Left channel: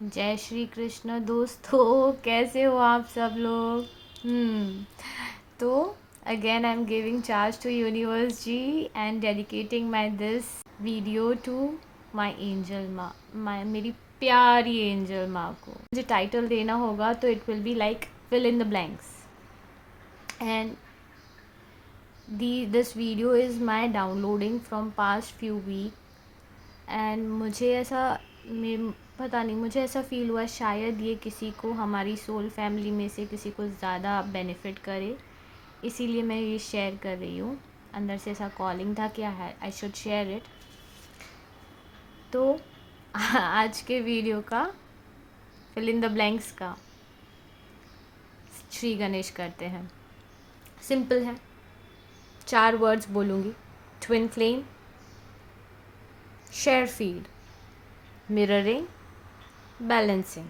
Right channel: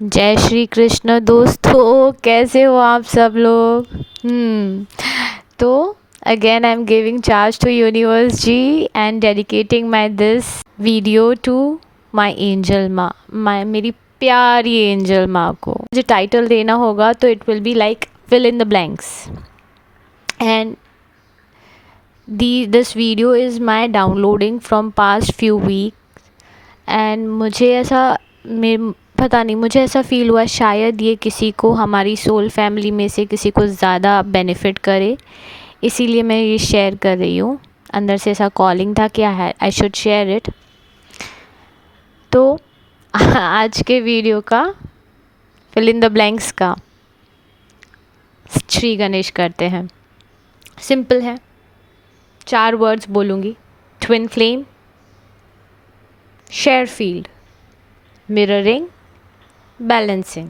जय श्री कृष्ण दोस्तों, कैसे हो आप सब लोग। तो again I am giving charge to universe ji and dedicating my this video to my angel माँ, मेरी प्यारी एंजल माँ को मुझे टाइटल देना होगा तो it will be like fill in the blanks. And this video is my downloading from past few week and मुझे ऐसा पता नहीं, मुझे ऐसा फ़ील हुआ शायद ये किसी को हमारी सोल फैमिली में से किसी को ज़्यादा बेनिफिट करे, इसीलिए मैं ये शेयर कर रही हूँ। अंदर से ऐसा कॉलिंग था कि आई शुड शेयर इट। तो आज के वीडियो का फिल इन द ब्लैंक्स का श्री गणेश करते हैं। सिंपल है, 4 वर्ड्स बोलूँगी। Twin flame, share field, mirroring, balancing.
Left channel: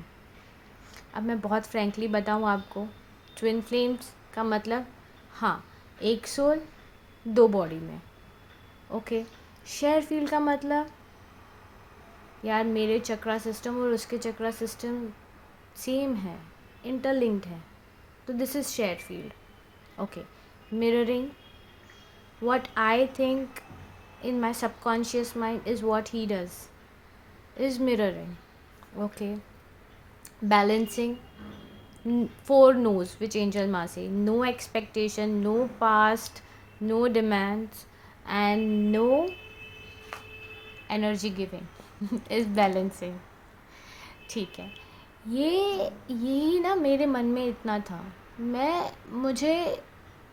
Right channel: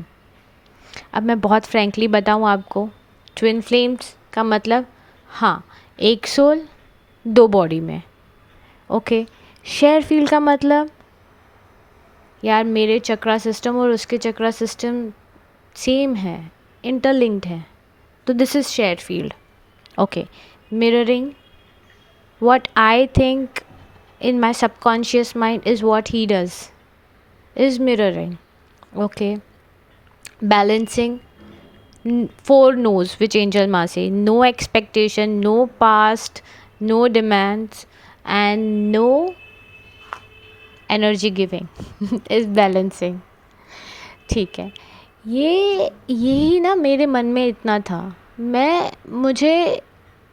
अब मैं बहुत फ्रैंकली बताऊँ आपको, ट्विन फ्लेम्स का मतलब हाँ, एक सोल 2 बॉडी में। ओके। शेयर फील्ड का मतलब यार मेरे चक्रा सिस्टम और उसके चक्रा सिस्टम सेम है, इंटरलिंक्ड है, तो this is share field. Okay. Mirroring, what I think in my subconscious mind is what he does, is mirroring. Okay. Balancing, 4 no's which angel ma say: no expectation, no past, no demands, and no energy giving is balancing. ठीक है। ये यही ना मेरे मन में इतना था। मुझे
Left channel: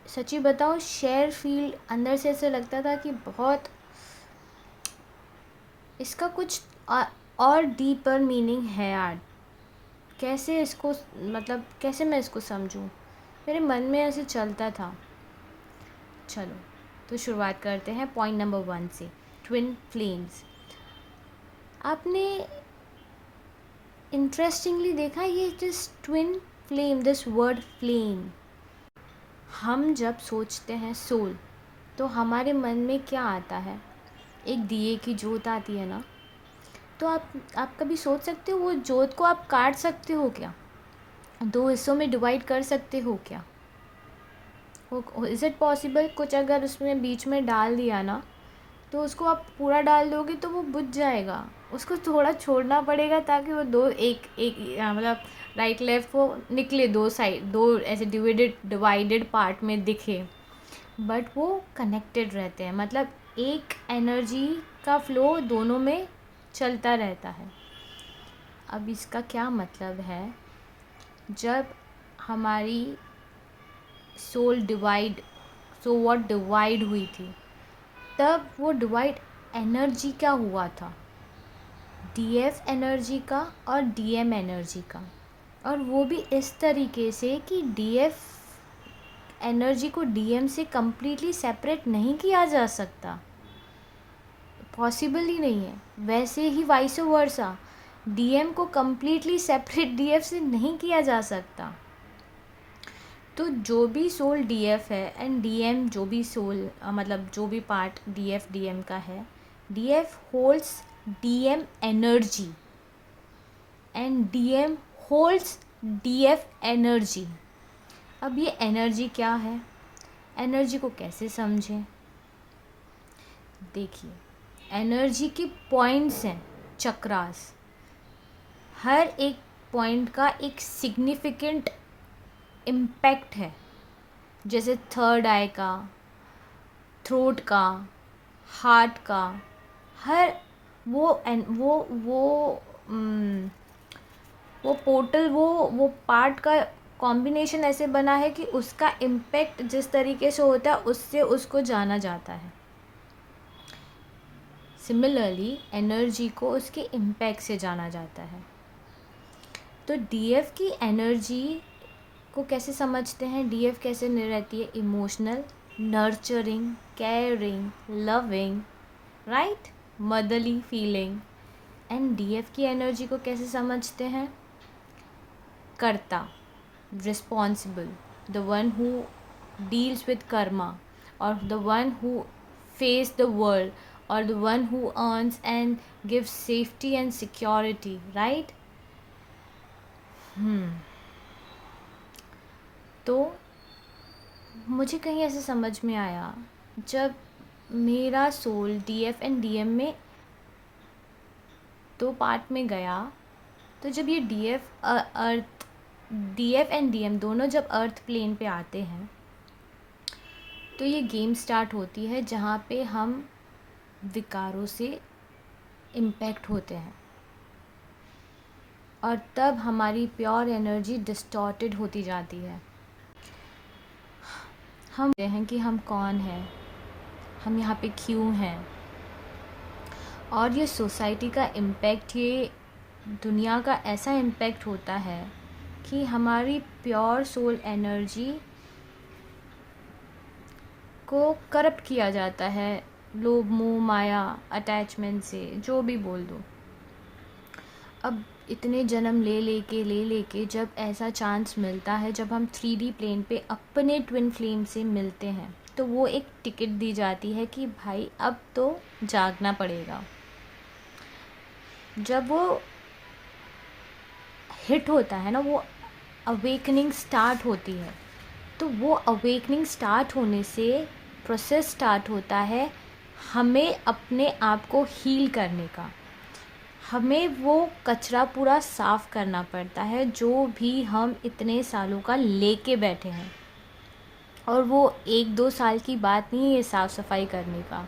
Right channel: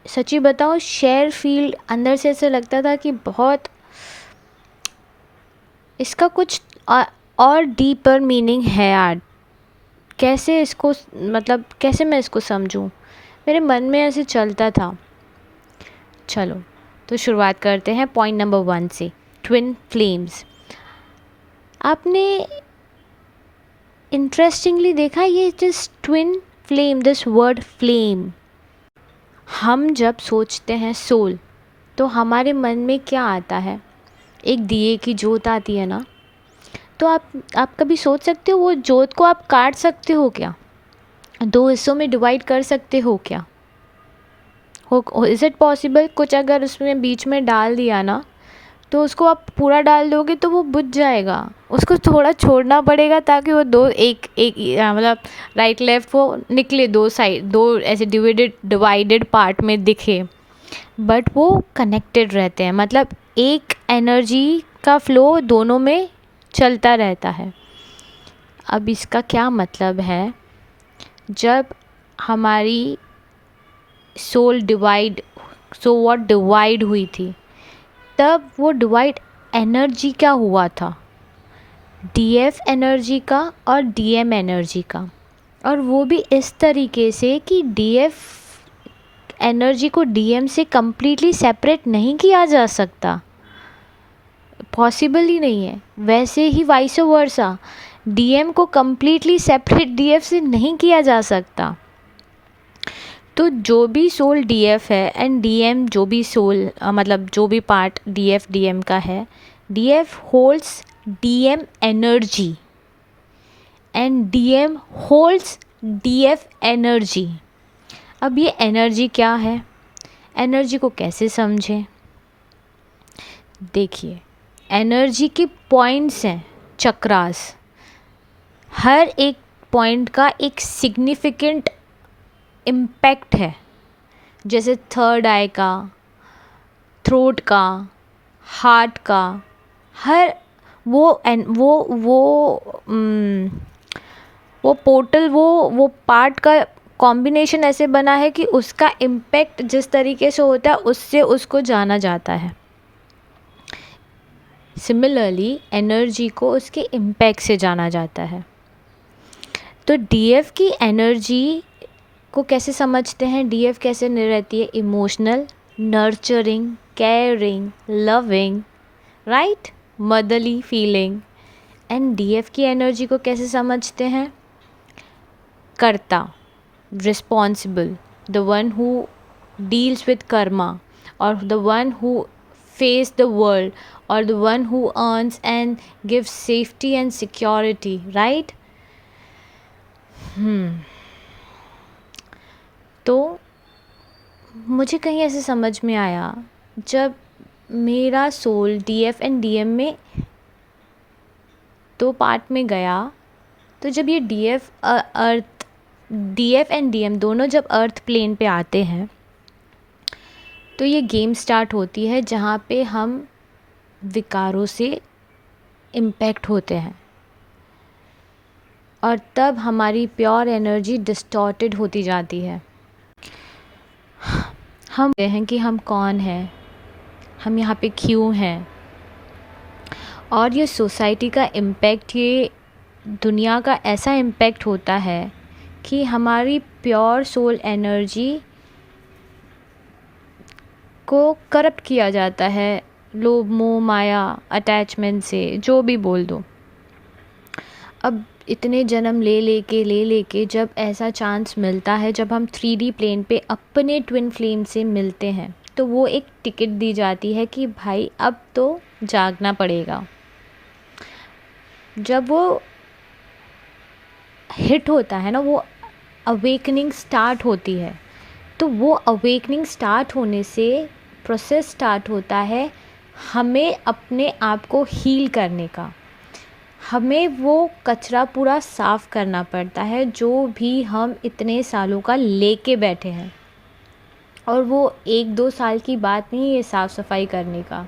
सच्ची बताऊँ, शेयर फील्ड अंदर से ऐसा लगता था कि बहुत इसका कुछ और डीपर मीनिंग है यार। कैसे इसको मतलब कैसे मैं इसको समझूं, मेरे मन में ऐसे चलता था। चलो तो शुरुआत करते हैं पॉइंट नंबर 1 से। Twin flames. आपने इंटरेस्टिंगली देखा, ये this twin flame, this word flame, हम जब सोचते हैं सोल तो हमारे मन में क्या आता है? एक दिए की जोत आती है ना। तो आप कभी सोच सकते हो वो जोत को आप काट सकते हो क्या? 2 हिस्सों में डिवाइड कर सकते हो क्या? हो इज़ इट पॉसिबल? कुछ अगर उसमें बीच में डाल दिया ना, तो उसको आप पूरा डाल दोगे तो वो बुझ जाएगा। उसको थोड़ा छोड़ना पड़ेगा ताकि वो दो एक एक मतलब राइट लेफ़्ट वो निकले, 2 साइड, 2 ऐसे डिवाइडेड पार्ट में दिखे, बट वो कनेक्टेड रहते हैं। मतलब एक एनर्जी का फ़्लो दोनों में चलता रहता है। अब इसका क्या मतलब है? जब हमारी सोल डिवाइड हुई थी, तब वो डिवाइड एनर्जी क्या हुआ था? डीएफ एनर्जी का और डीएम एनर्जी का। और वो भी इस तरीके से कि डीएफ एनर्जी को डीएम से कम्प्लीटली सेपरेट नहीं किया जा सकता, पॉसिबल ही नहीं है। वैसे ही वाइस वर्सा, डीएम को कम्प्लीटली सेपरेट डीएफ से नहीं किया जा सकता। तो जो भी सोल डीएफ है एंड डीएम जो भी सोल मतलब जो भी पार्ट डीएफ डीएम का है, DF holds DM energy and DM holds DF energy. अब ये एनर्जी क्या है? एनर्जी को कैसे समझें? देखिए, एनर्जी के पॉइंट्स हैं, चक्रास। हर एक पॉइंट का एक सिग्निफिकेंट इम्पैक्ट है। जैसे थर्ड आई का, थ्रोट का, हार्ट का, हर वो पोर्टल, वो पार्ट का कॉम्बिनेशन ऐसे बना है कि उसका इम्पैक्ट जिस तरीके से होता है उससे उसको जाना जाता है। सिमिलरली एनर्जी को उसके इम्पैक्ट से जाना जाता है। तो डीएफ की एनर्जी को कैसे समझते हैं? डीएफ कैसे रहती है? Emotional, nurturing, caring, loving, right, motherly feeling. And DF की एनर्जी को कैसे समझते हैं? Karta, responsible, the one who deals with karma, और the one who face the world, or the one who earns and gives safety and security, right? तो मुझे कहीं ऐसे समझ में आया, जब मेरा सोल DF एंड DM में 2 पार्ट में गया, तो जब ये DF एंड DM दोनों जब अर्थ प्लेन पे आते हैं, तो ये गेम स्टार्ट होती है जहाँ पे हम विकारों से इम्पैक्ट होते हैं, और तब हमारी प्योर एनर्जी डिस्टॉर्टेड होती जाती है। हम कहते हैं कि हम कौन हैं, हम यहाँ पे क्यों हैं, और ये सोसाइटी का इम्पैक्ट, ये दुनिया का ऐसा इम्पैक्ट होता है कि हमारी प्योर सोल एनर्जी को करप्ट किया जाता है, लोभ मोह माया अटैचमेंट से, जो भी बोल दो। अब इतने जन्म ले लेके जब ऐसा चांस मिलता है, जब हम 3D प्लेन पे अपने ट्विन फ्लेम से मिलते हैं, तो वो एक टिकट दी जाती है कि भाई अब तो जागना पड़ेगा। जब वो हिट होता है ना, वो अवेकनिंग स्टार्ट होती है, तो वो अवेकनिंग स्टार्ट होने से प्रोसेस स्टार्ट होता है हमें अपने आप को हील करने का। हमें वो कचरा पूरा साफ़ करना पड़ता है जो भी हम इतने सालों का लेके बैठे हैं, और वो 1-2 साल की बात नहीं है साफ़ सफाई करने का।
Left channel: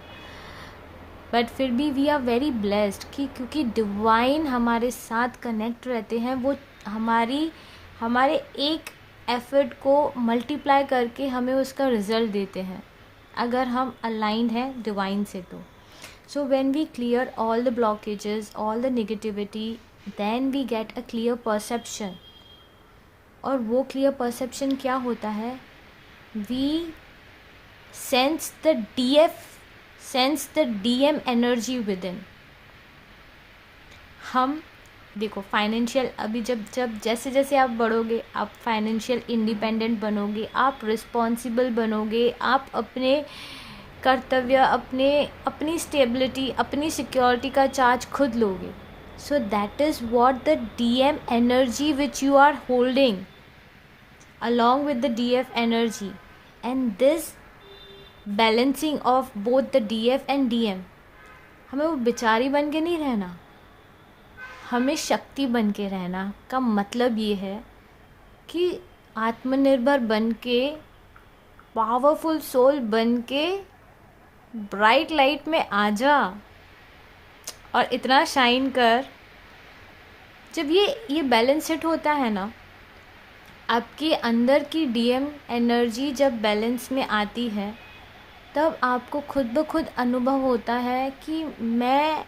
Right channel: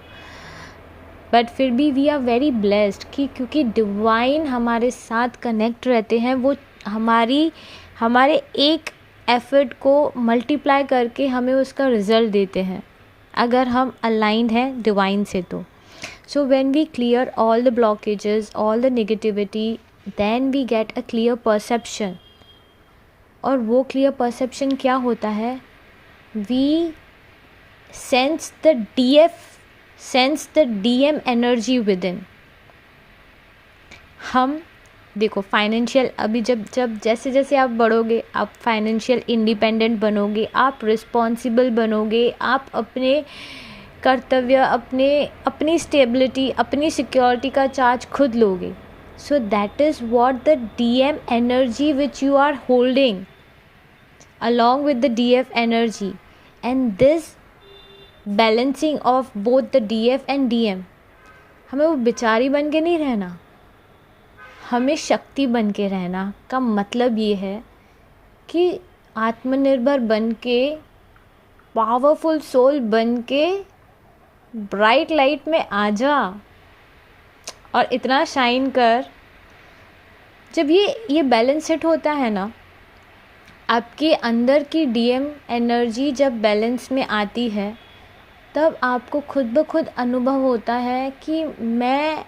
बट फिर भी वी आर वेरी ब्लेस्ड कि क्योंकि डिवाइन हमारे साथ कनेक्ट रहते हैं, वो हमारे एक एफर्ट को मल्टीप्लाई करके हमें उसका रिज़ल्ट देते हैं, अगर हम अलाइंड हैं डिवाइन से। तो so when we clear all the blockages, all the negativity, then we get a clear perception. और वो क्लियर परसेप्शन क्या होता है? We sense the DM energy within. हम देखो फाइनेंशियल, अभी जब जैसे जैसे आप बढ़ोगे, आप फाइनेंशियल इंडिपेंडेंट बनोगे, आप रिस्पॉन्सिबल बनोगे, आप अपने कर्तव्य, अपनी स्टेबिलिटी, अपनी सिक्योरिटी का चार्ज खुद लोगे। So that is what the DM energy which you are holding along with the DF energy, and this balancing of both the DF and DM, हमें वो बेचारी बन के नहीं रहना, हमें शक्ति बन के रहना का मतलब ये है कि आत्मनिर्भर बन के, पावरफुल सोल बन के ब्राइट लाइट में आ जा और इतना शाइन कर। जब ये बैलेंस हिट होता है ना, आपके अंदर की DM एनर्जी जब बैलेंस में आती है, तब आपको खुद ब खुद अनुभव होता है कि मैं,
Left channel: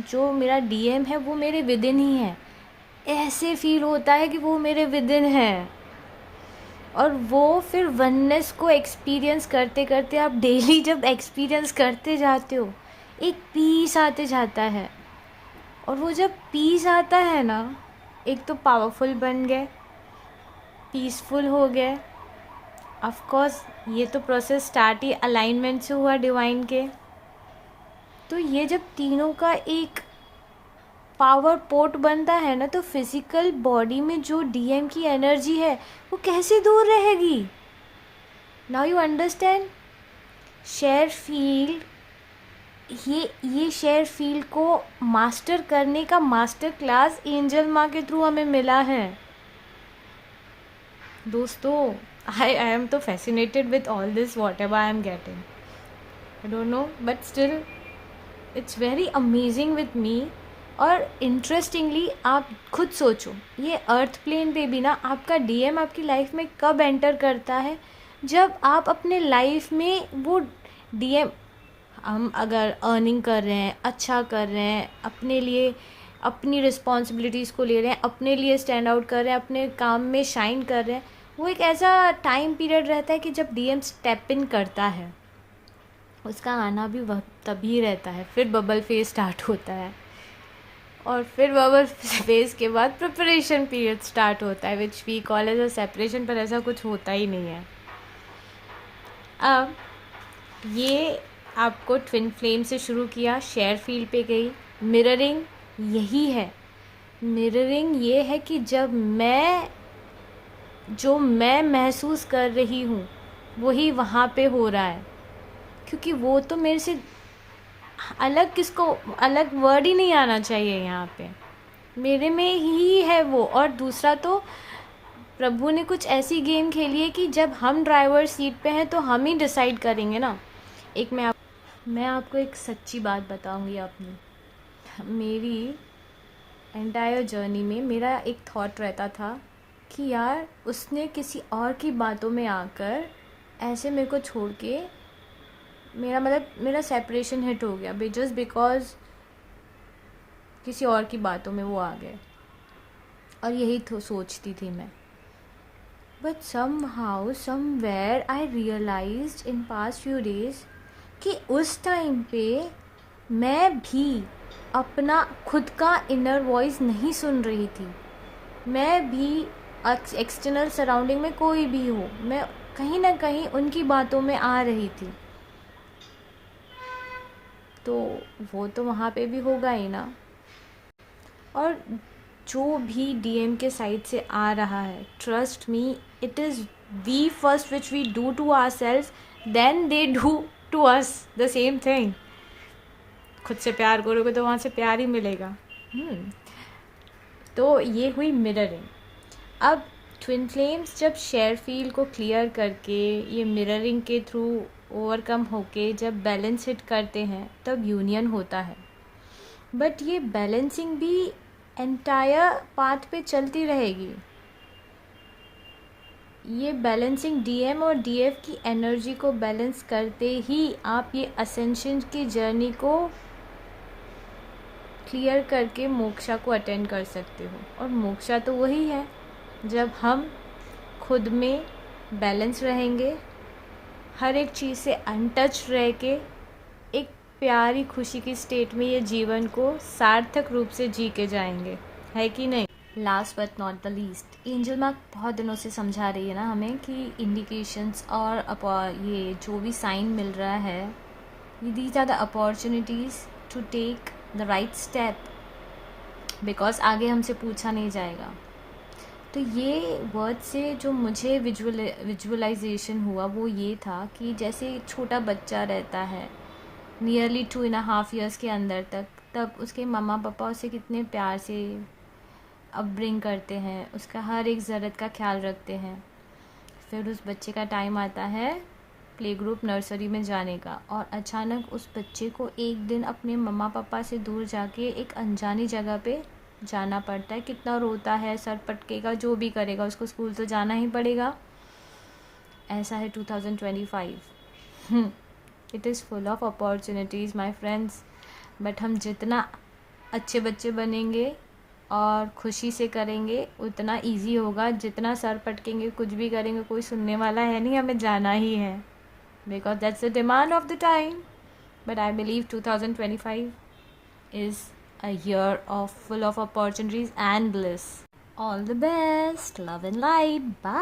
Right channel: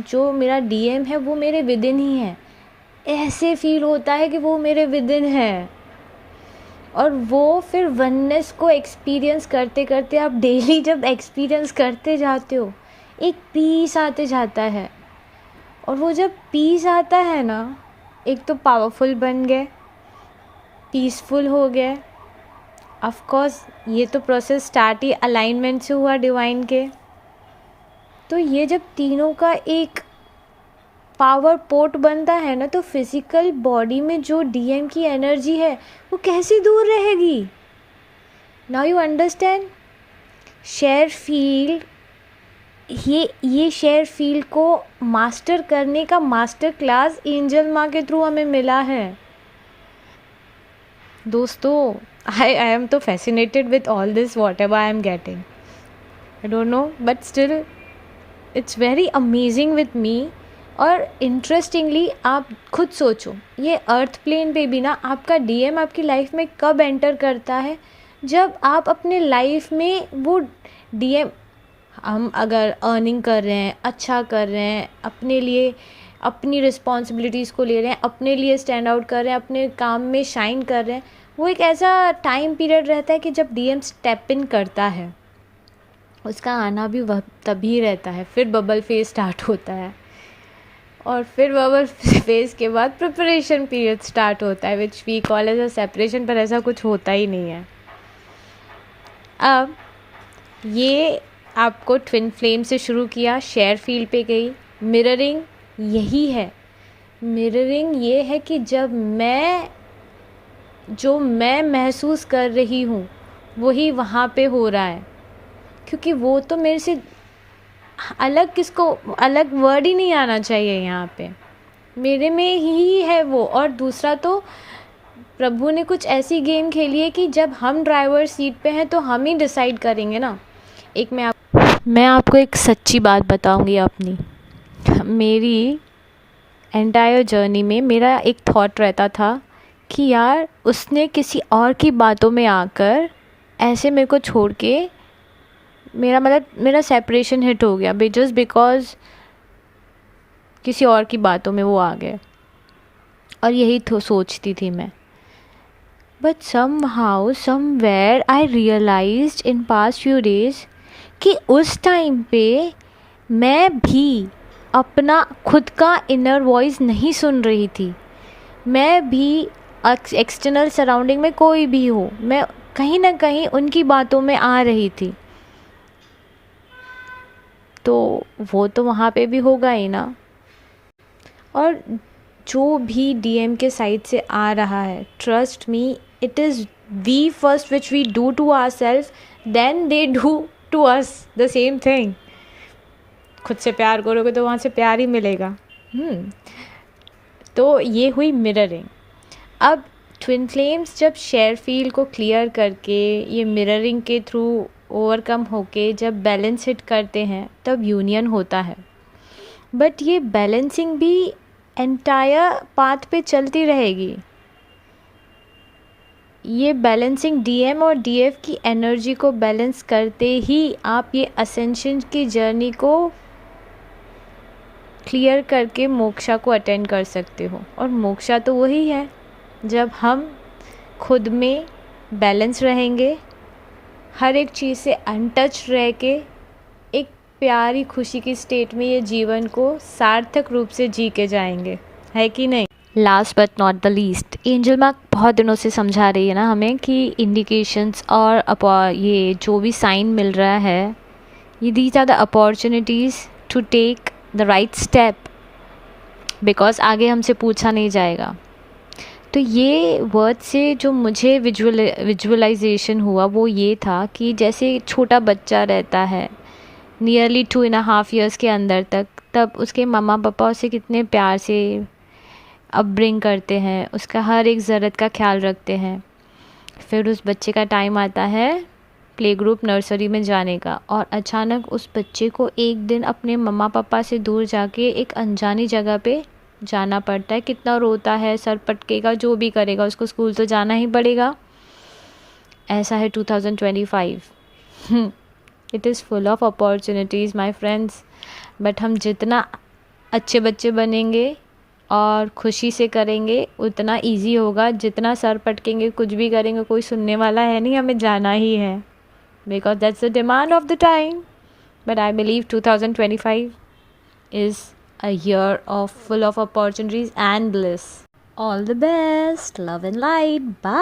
जो मेरा DM है वो मेरे विदिन ही है। ऐसे फील होता है कि वो मेरे विदिन है, और वो फिर वननेस को एक्सपीरियंस करते करते आप डेली जब एक्सपीरियंस करते जाते हो, एक पीस आते जाता है। और वो जब पीस आता है ना, एक तो पावरफुल बन गए, पीसफुल हो गए। ऑफ कोर्स ये तो प्रोसेस स्टार्ट ही अलाइनमेंट से हुआ डिवाइन के। तो ये जब तीनों का एक पावर पोर्ट बनता है ना, तो फिजिकल बॉडी में जो DM की एनर्जी है वो कैसे दूर रहेगी? Now you understand. Share field, ये शेयर फील्ड को मास्टर करने का मास्टर क्लास एंजल माँ के थ्रू हमें मिला है। दोस्तों, I am तो fascinated with all this whatever I am getting. I don't know, but still it's very amazing with me. और इंटरेस्टिंगली आप खुद सोचो, ये अर्थ प्लेन पे भी ना आपका DM आपकी लाइफ में कब एंटर करता है? जब आप अपने लाइफ में वो DM, हम अगर अर्निंग कर रहे हैं, अच्छा कर रहे हैं, अपने लिए अपनी रिस्पॉन्सिबिलिटीज़ को ले रहे हैं, अपने लिए स्टैंड आउट कर रहे हैं, अपने काम में शाइन कर रहे हैं, वो एक ऐसा टाइम पीरियड रहता है कि जब DM स्टेप इन करता है, उसका आना भी वह तभी रहता है। फिर बबल फेज स्टार्ट होता है, और फिर बबल फेज के बाद प्रिपरेशन पीरियड स्टार्ट होता है, which we call as a separation, पर ऐसा कुछ होता ही नहीं है। अब ये आपको ट्विन फ्लेम से शुरू किया, शेयर फील्ड पे गई, मिररिंग यही है मिररिंग ये है कि जब जो मैं महसूस कर रही हूँ वही वहाँ पे हो रहा है, क्योंकि वो तो मेरे से अलग वर्ड ही नहीं आना चाहिए यहाँ पे, मेरे में ही है वो। और दूसरा तो प्रभु ने कुछ ऐसी गेम खेली है कि जब हम ड्राइवर सीट पे हैं तो हम ही डिसाइड करेंगे ना। मैं आपको एक सच्ची बात बताऊंगी अपनी। मेरी एंटायर जर्नी में मेरा एक थॉट रहता था कि यार उसने किसी और की बातों में आकर ऐसे मेरे को छोड़ के, मेरा सेपरेशन हिट हो गया जस्ट बिकॉज किसी और की बातों में वो आ गए। और यही तो सोचती थी मैं। But somewhere I realized in past few days कि उस टाइम पे मैं भी अपना खुद का इनर वॉइस नहीं सुन रही थी। मैं भी एक्सटर्नल सराउंडिंग में कोई भी हो, मैं कहीं ना कहीं उनकी बातों में आ रही थी। तो वो तो वहाँ पे भी होगा ही ना। और जो भी डीएम के साइड से आ रहा है, trust me, it is we first which we do to our self, then they do to us the same thing. खुद से प्यार करोगे तो वहाँ से प्यार ही मिलेगा। तो ये हुई मिररिंग। अब ट्विन फ्लेम्स जब शेयर फील्ड को क्लियर करके ये मिररिंग के थ्रू ओवरकम होके जब बैलेंस हिट करते हैं तब यूनियन होता है। बट ये बैलेंसिंग भी एंटायर पाथ पे चलती रहेगी। ये बैलेंसिंग डीएम और डीएफ की एनर्जी को बैलेंस करते ही आप ये असेंशन की जर्नी को क्लियर करके मोक्षा को अटेंड कर सकते हो। और मोक्षा तो वही है जब हम खुद में बैलेंस रहेंगे, हर एक चीज़ से अनटच रह के एक प्यारी खुशी की स्टेट में ये जीवन को सार्थक रूप से जी के जाएंगे, है कि नहीं। Last but not the least, angel mark बहुत दिनों से समझा रही है ना हमें कि इंडिकेशंस और ये जो भी साइन मिल रहा है, ये these are the opportunities to take the right step, because आगे हमसे पूछा नहीं जाएगा। तो ये वर्ड से जो मुझे विजुअलाइजेशन हुआ वो ये था कि जैसे छोटा बच्चा रहता है नियरली 2.5 years के अंदर तक, तब उसके मम्मा पापा उसे कितने प्यार से अपब्रिंग करते हैं, उसका हर एक ज़रूरत का ख्याल रखते हैं। फिर उस बच्चे का टाइम आता है प्ले ग्रुप नर्सरी में जाने का, और अचानक उस बच्चे को एक दिन अपने मम्मा पापा से दूर जाके एक अनजानी जगह पे जाना पड़ता है। कितना रोता है, सर पटकेगा, जो भी करेगा, उसको स्कूल तो जाना ही पड़ेगा। ऐसा है 2025। It is full of opportunities my friends. But हम जितना अच्छे बच्चे बनेंगे और खुशी से करेंगे उतना इजी होगा। जितना सर पटकेंगे, कुछ भी करेंगे, कोई सुनने वाला है नहीं, हमें जाना ही है, because that's the demand of the time. But I believe 2025 is a year of full of opportunities and bliss. All the best, love and light, bye.